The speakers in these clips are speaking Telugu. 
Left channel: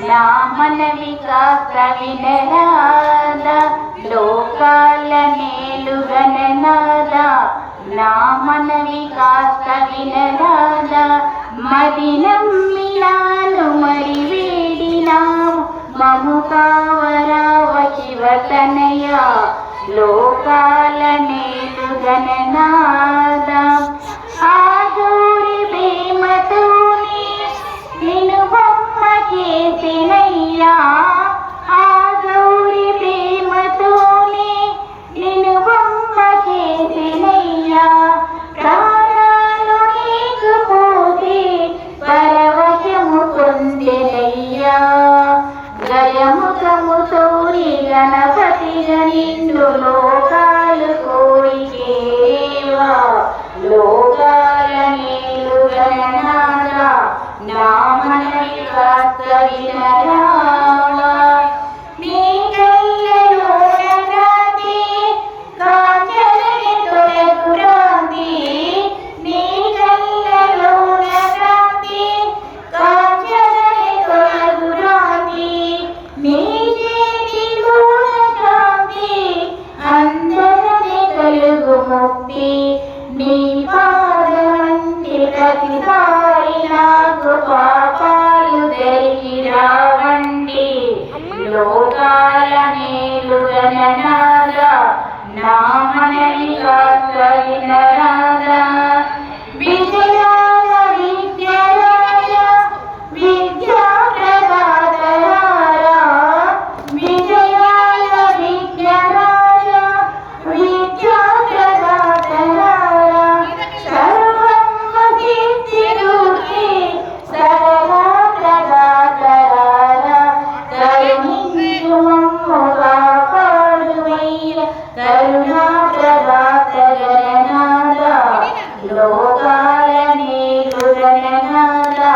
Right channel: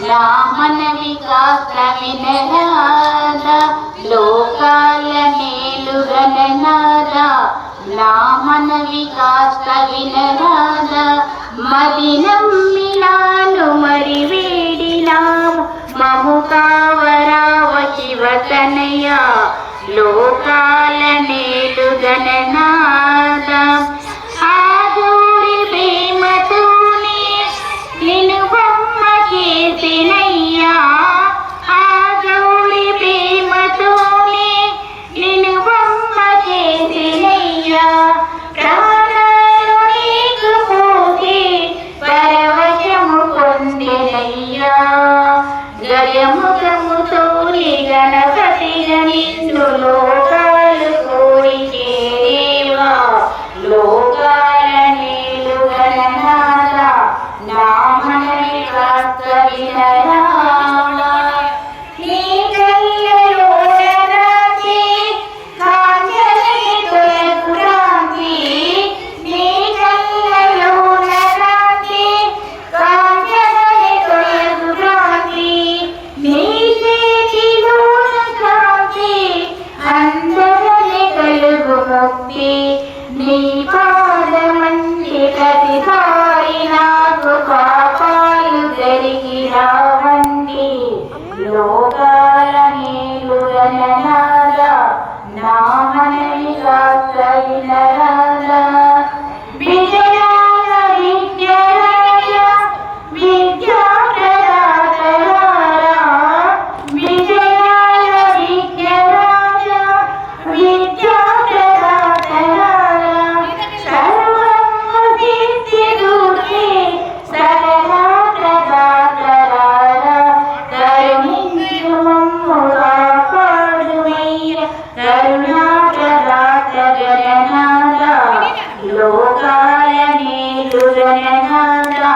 నా మనవి కాస్త వినరాదా లోకాల మేలుగననాదా నా మనవి కాస్త వినరాదా మది నమ్మినాను మరి వేడినావు మము కావరావ శివతనయ లోకాల మేలుగననాదా ఆగూరి ప్రేమతోనే నిన్ను బొమ్మ చేసినయ్యా ఆగూరి ప్రేమతోనే నిన్ను బొమ్మ చేసినయ్యా ప్రాణాలు నీకు పోతే పరవశము పొందెనయ్యా గజముఖముతోని గణపతిగా నిన్ను లోకాలు కోరికేవా లోకాల మేలుగననాదా నా మనవి కాస్త వినరాదా నీ కళ్ళలోన రాత్రి కాంచనని తొలగురాంతి నీ కళ్ళలోన రాత్రి కాంచనని తొలగురాంతి నీ చేతిలోన క్రాంతి అందరిని కలుగు ముక్తి నీ పాదమంది ప్రతిసారి నాకు పాపాలు జరిగి రావండి లోకాల మేలుగననాదా నా మనవి కాస్త వినరాదా విజయాల విద్యరాజ విద్యా ప్రదాతరారా విజయాల విద్యరాజ విద్యా ప్రదాతరారా సర్వము సిద్ధిరూపే సరళా ప్రదాతరారా కరుణించు మమ్ము కాపాడుమయ్య కరుణా ప్రదాత గణనాదా లోకాల మేలుగననాదా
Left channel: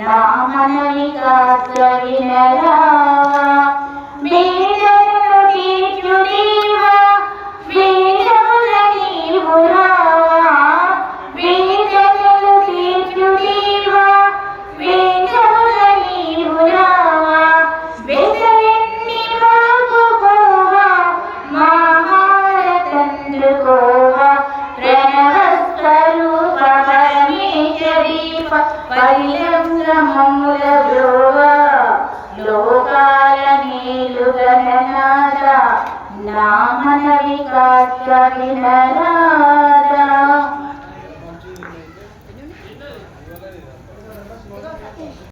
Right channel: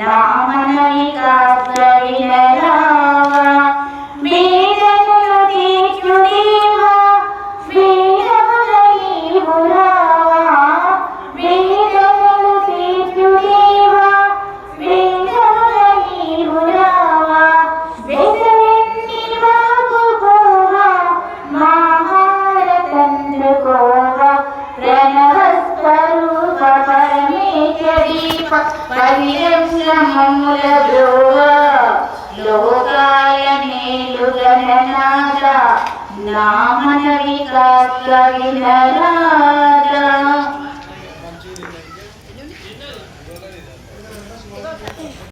నా మనవి కాస్త వినరాదా వేదనలు తీర్చు దేవా వేదముల నీవు రావా వేదనలు తీర్చు దేవా వేదముల నీవు రావా వెదలెన్ని బాగుకోవా మా హారతందుకోవా ప్రణవస్వరూప పరమేశ్వరీప పరిలంగమముల బ్రోవా లోకాల మేలుగననాదా నా మనవి కాస్త వినరాదా